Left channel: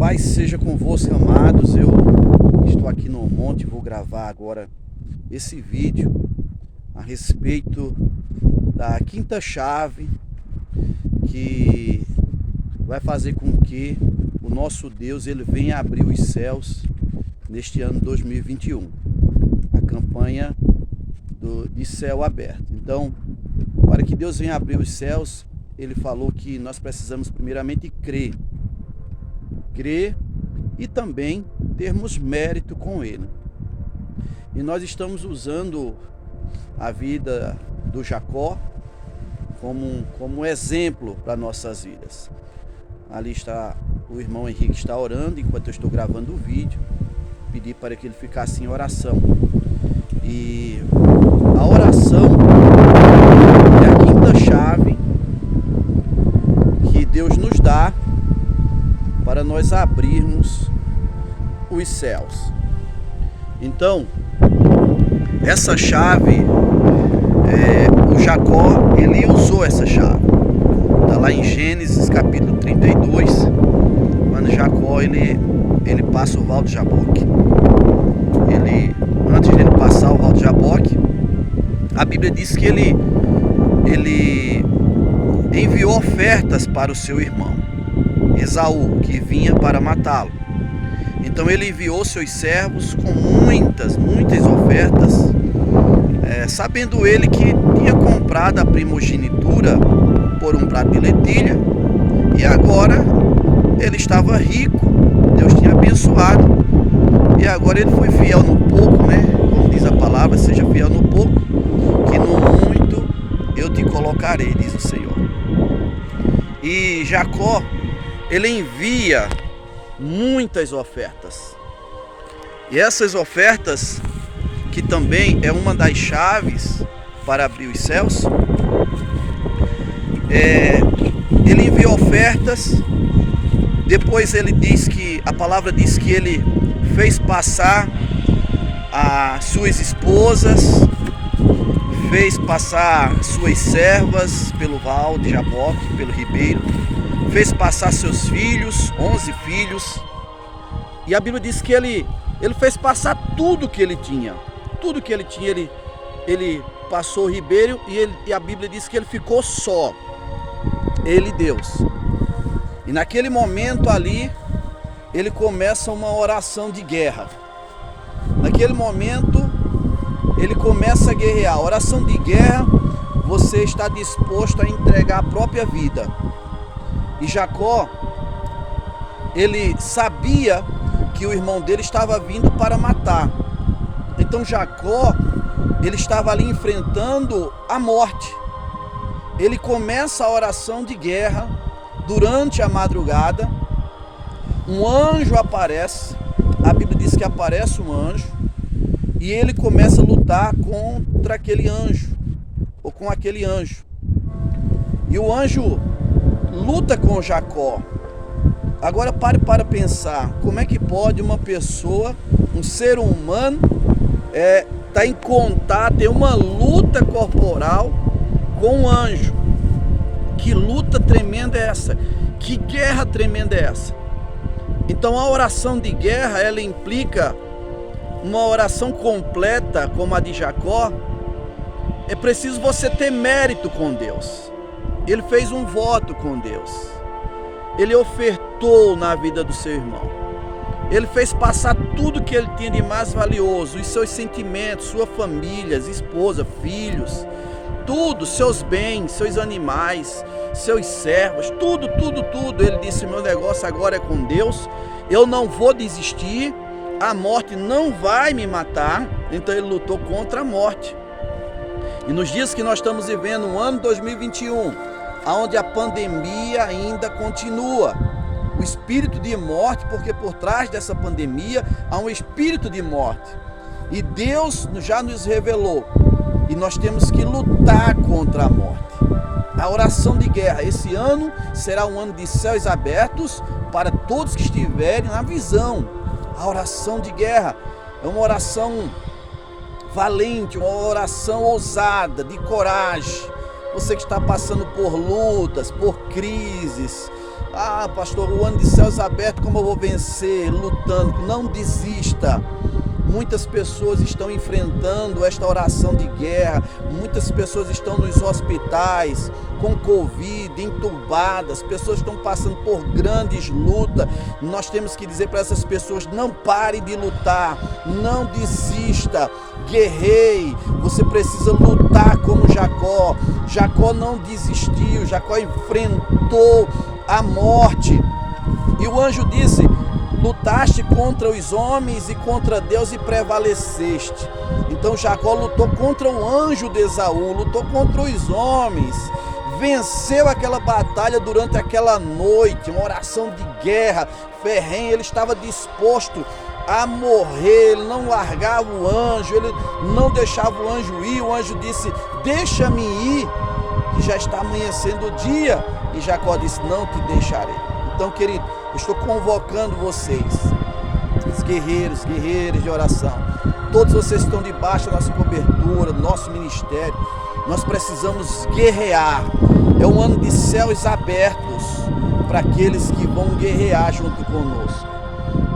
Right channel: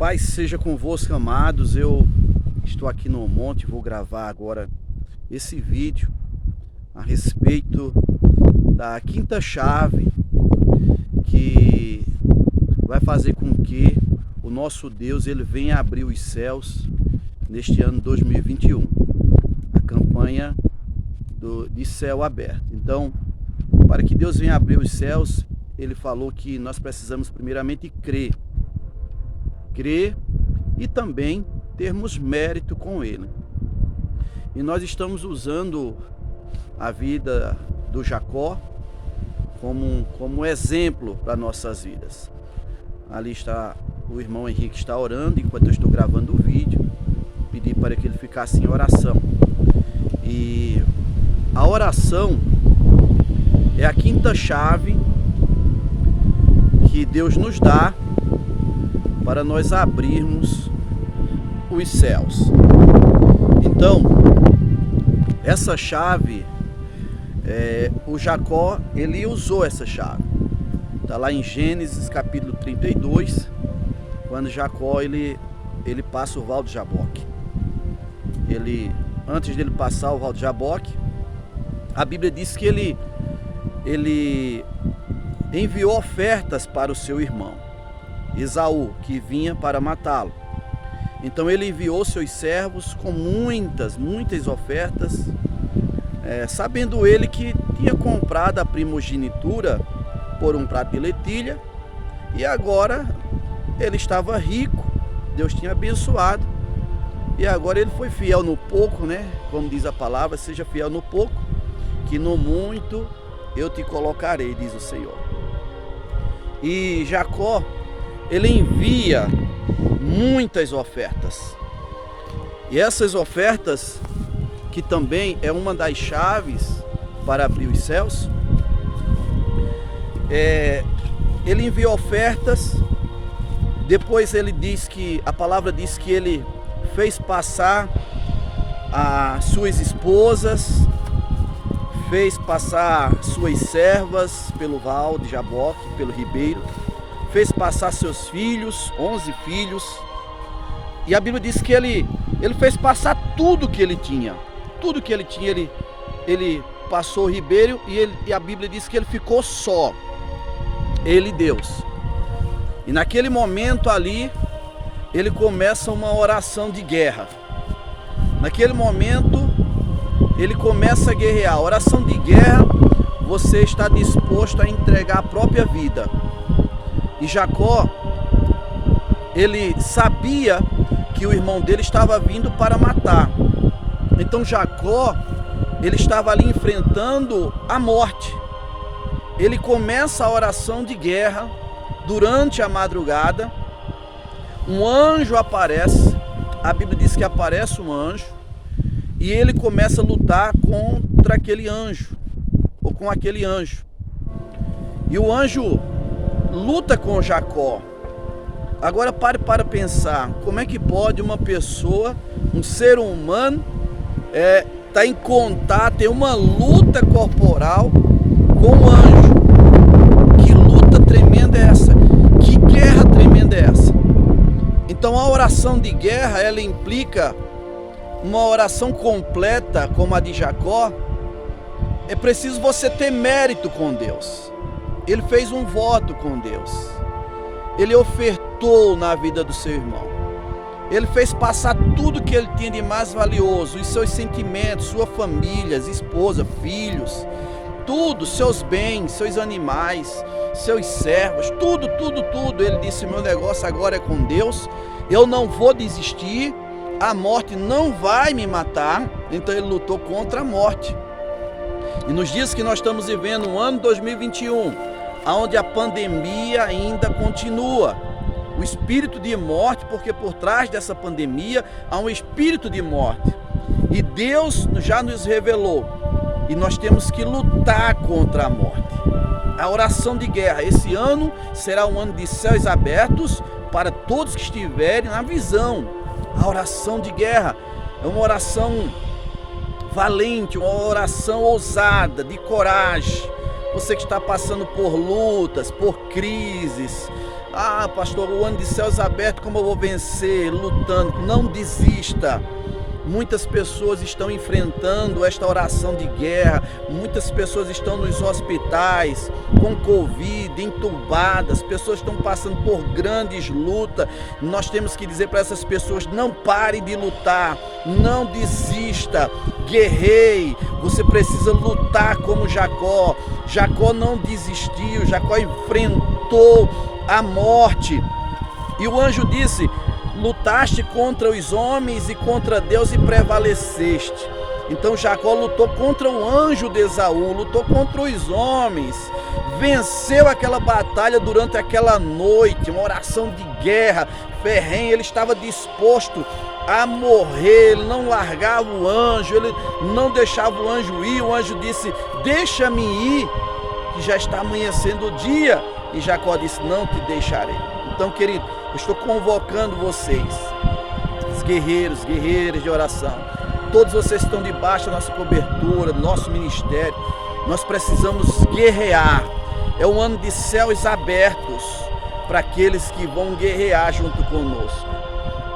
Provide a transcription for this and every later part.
Paz seja convosco, amados. Eu estou aqui no monte, vou gravar agora esse vídeo a respeito da quinta chave que vai fazer com que o nosso Deus ele venha abrir os céus neste ano 2021, a campanha de céu aberto. Então, para que Deus venha abrir os céus, ele falou que nós precisamos primeiramente crer e também termos mérito com ele. E nós estamos usando a vida do Jacó como exemplo para nossas vidas. Ali está o irmão Henrique, está orando enquanto eu estou gravando o vídeo. Pedi para que ele ficasse em oração. E a oração é a quinta chave que Deus nos dá para nós abrirmos os céus. Então, essa chave, o Jacó, ele usou essa chave. Está lá em Gênesis capítulo 32, quando Jacó, ele passa o Val de Jaboque. Antes de ele passar o Val de Jaboque, a Bíblia diz que ele enviou ofertas para o seu irmão Esaú, que vinha para matá-lo. Então ele enviou seus servos com muitas ofertas, sabendo ele que tinha comprado a primogenitura por um prato de lentilha, e agora ele estava rico, Deus tinha abençoado, e agora ele foi fiel no pouco, né? Como diz a palavra, seja fiel no pouco, que no muito eu te colocarei, diz o Senhor. E Jacó, ele envia muitas ofertas. E essas ofertas, que também é uma das chaves para abrir os céus, ele envia ofertas. Depois ele diz que, a palavra diz que ele fez passar as suas esposas, fez passar suas servas pelo val de Jaboque, pelo ribeiro, fez passar seus filhos, 11 filhos, e a Bíblia diz que ele fez passar tudo que ele tinha, ele passou o ribeiro, e a Bíblia diz que ele ficou só, ele e Deus. E naquele momento ali, ele começa uma oração de guerra. Naquele momento, ele começa a guerrear. A oração de guerra, você está disposto a entregar a própria vida. E Jacó, ele sabia que o irmão dele estava vindo para matar. Então Jacó, ele estava ali enfrentando a morte. Ele começa a oração de guerra. Durante a madrugada, um anjo aparece. A Bíblia diz que aparece um anjo, e ele começa a lutar contra aquele anjo, ou com aquele anjo. E o anjo luta com Jacó. Agora pare para pensar, como é que pode uma pessoa, um ser humano, tá em contato, ter uma luta corporal com um anjo? Que luta tremenda é essa? Que guerra tremenda é essa? Então a oração de guerra, ela implica uma oração completa como a de Jacó. É preciso você ter mérito com Deus. Ele fez um voto com Deus. Ele ofertou na vida do seu irmão. Ele fez passar tudo que ele tinha de mais valioso, os seus sentimentos, sua família, esposa, filhos, tudo, seus bens, seus animais, seus servos, tudo. Ele disse: meu negócio agora é com Deus, eu não vou desistir, a morte não vai me matar. Então ele lutou contra a morte. E nos dias que nós estamos vivendo, o ano 2021, onde a pandemia ainda continua, o espírito de morte, porque por trás dessa pandemia há um espírito de morte, e Deus já nos revelou, e nós temos que lutar contra a morte. A oração de guerra, esse ano será um ano de céus abertos para todos que estiverem na visão. A oração de guerra é uma oração valente, uma oração ousada, de coragem. Você que está passando por lutas, por crises, Ah, pastor, o ano de céus abertos, como eu vou vencer? Lutando. Não desista. Muitas pessoas estão enfrentando esta oração de guerra. Muitas pessoas estão nos hospitais com Covid, entubadas. Pessoas estão passando por grandes lutas. Nós temos que dizer para essas pessoas: não pare de lutar, não desista, guerreie. Você precisa lutar como Jacó. Jacó não desistiu, Jacó enfrentou a morte. E o anjo disse: lutaste contra os homens e contra Deus e prevaleceste. Então Jacó lutou contra o anjo de Esaú, lutou contra os homens, venceu aquela batalha durante aquela noite, uma oração de guerra ferrenha. Ele estava disposto a morrer, ele não largava o anjo, ele não deixava o anjo ir. O anjo disse: deixa-me ir, que já está amanhecendo o dia. E Jacó disse: não te deixarei. Então, querido, eu estou convocando vocês, os guerreiros, guerreiras de oração. Todos vocês estão debaixo da nossa cobertura, do nosso ministério. Nós precisamos guerrear. É um ano de céus abertos para aqueles que vão guerrear junto conosco.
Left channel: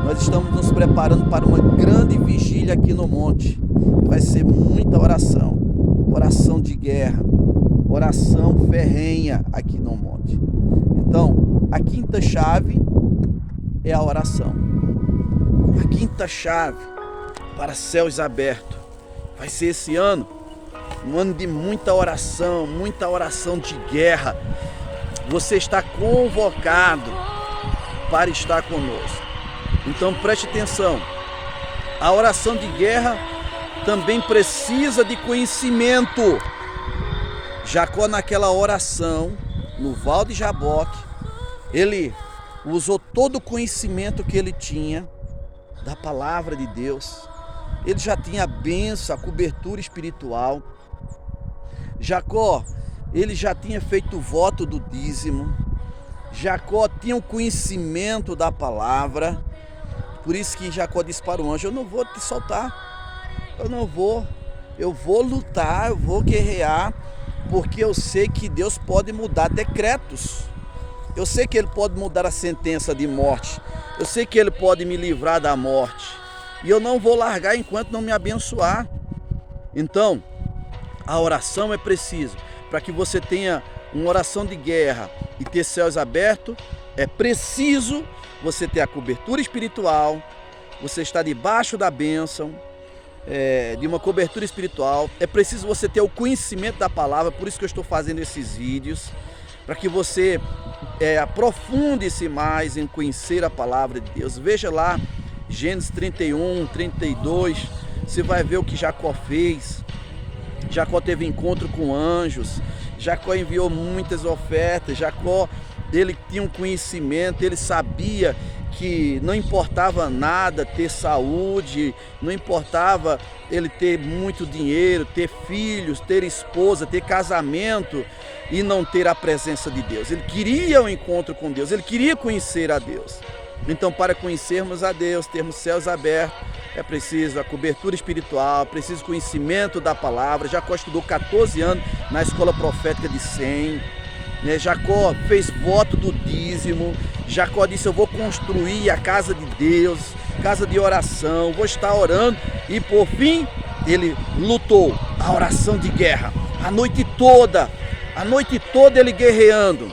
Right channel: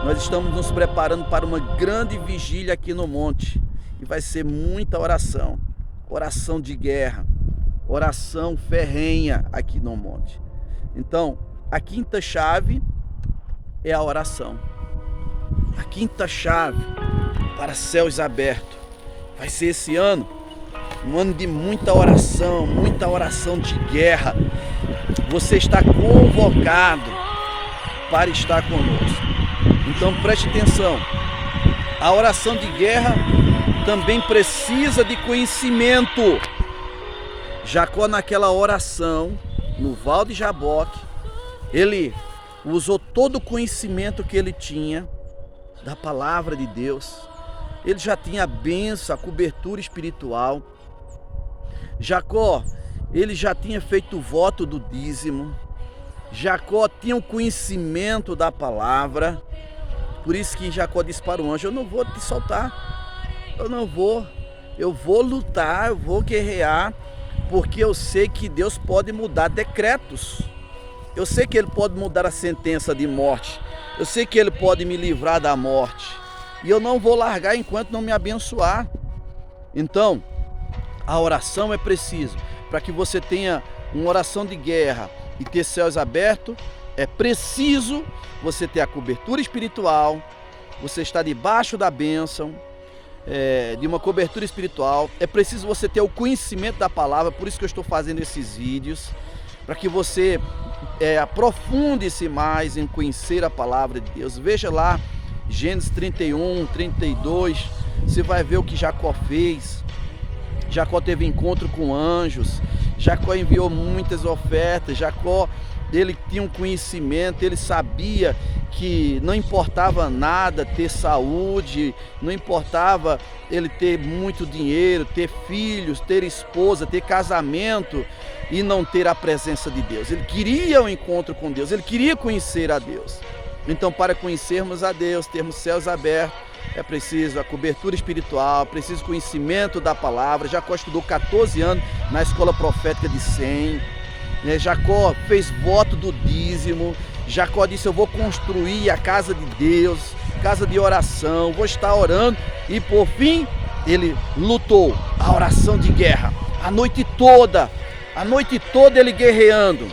Nós estamos nos preparando para uma grande vigília aqui no monte. Vai ser muita oração, oração de guerra, oração ferrenha aqui no monte. Então, a quinta chave é a oração. A quinta chave para céus abertos vai ser esse ano, um ano de muita oração de guerra. Você está convocado para estar conosco. Então preste atenção, a oração de guerra também precisa de conhecimento. Jacó, naquela oração, no Val de Jaboque, ele usou todo o conhecimento que ele tinha da palavra de Deus. Ele já tinha a bênção, a cobertura espiritual. Jacó, ele já tinha feito o voto do dízimo. Jacó tinha o conhecimento da palavra. Por isso que Jacó disse para o anjo: eu não vou te soltar, eu vou lutar, eu vou guerrear, porque eu sei que Deus pode mudar decretos. Eu sei que Ele pode mudar a sentença de morte. Eu sei que Ele pode me livrar da morte. E eu não vou largar enquanto não me abençoar. Então, a oração é preciso. Para que você tenha uma oração de guerra e ter céus abertos, é preciso você ter a cobertura espiritual, você estar debaixo da bênção, de uma cobertura espiritual. É preciso você ter o conhecimento da palavra. Por isso que eu estou fazendo esses vídeos, para que você aprofunde-se mais em conhecer a palavra de Deus. Veja lá Gênesis 31, 32, você vai ver o que Jacó fez. Jacó teve encontro com anjos, Jacó enviou muitas ofertas. Jacó, ele tinha um conhecimento, ele sabia que não importava nada ter saúde, não importava ele ter muito dinheiro, ter filhos, ter esposa, ter casamento e não ter a presença de Deus. Ele queria um encontro com Deus, ele queria conhecer a Deus. Então, para conhecermos a Deus, termos céus abertos, é preciso a cobertura espiritual, preciso conhecimento da palavra. Jacó estudou 14 anos na escola profética de Sem. Jacó fez voto do dízimo. Jacó disse: eu vou construir a casa de Deus, casa de oração, vou estar orando. E por fim, ele lutou a oração de guerra, a noite toda ele guerreando,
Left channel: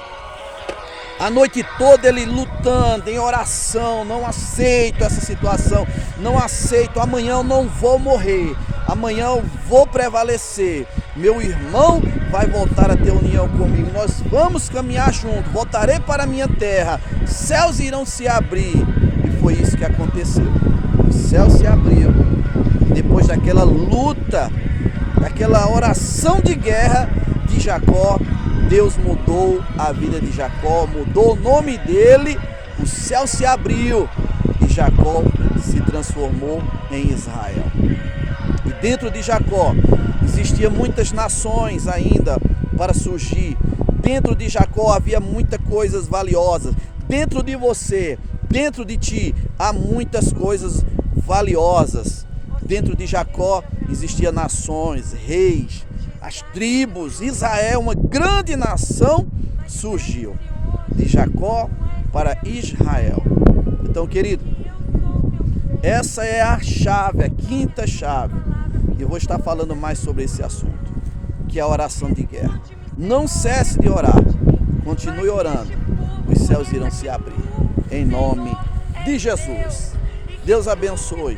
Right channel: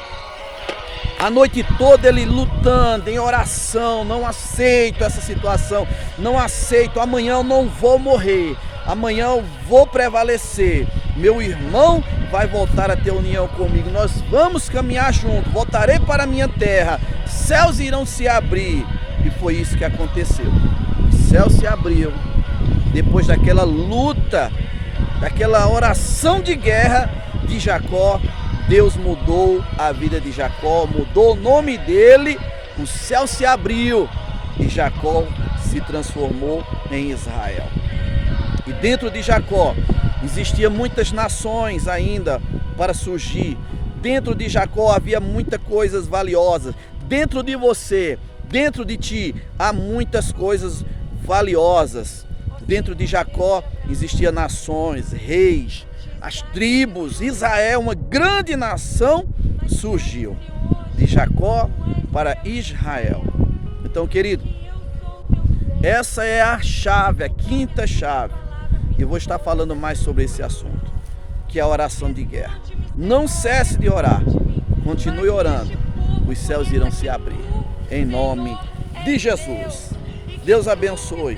a noite toda ele lutando em oração. Não aceito essa situação, não aceito, amanhã eu não vou morrer, amanhã eu vou prevalecer, meu irmão vai voltar a ter união comigo, nós vamos caminhar juntos, voltarei para a minha terra, céus irão se abrir. E foi isso que aconteceu, o céu se abriu, depois daquela luta, daquela oração de guerra de Jacó. Deus mudou a vida de Jacó, mudou o nome dele, o céu se abriu e Jacó se transformou em Israel. E dentro de Jacó existiam muitas nações ainda para surgir. Dentro de Jacó havia muitas coisas valiosas. Dentro de você, dentro de ti, há muitas coisas valiosas. Dentro de Jacó existiam nações, reis, as tribos. Israel, uma grande nação, surgiu. de Jacó para Israel. Então, querido, essa é a chave, a quinta chave. E eu vou estar falando mais sobre esse assunto, que é a oração de guerra. Não cesse de orar, continue orando, os céus irão se abrir, em nome de Jesus. Deus abençoe.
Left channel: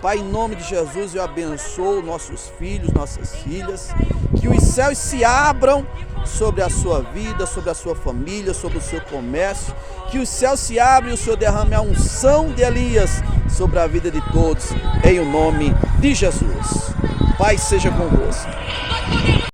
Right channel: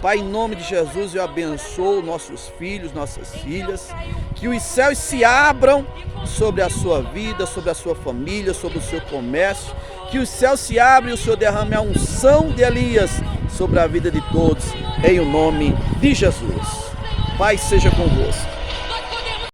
Pai, em nome de Jesus, eu abençoo nossos filhos, nossas filhas, que os céus se abram sobre a sua vida, sobre a sua família, sobre o seu comércio, que os céus se abrem e o Senhor derrame a unção de Elias sobre a vida de todos, em o nome de Jesus. Pai, seja convosco.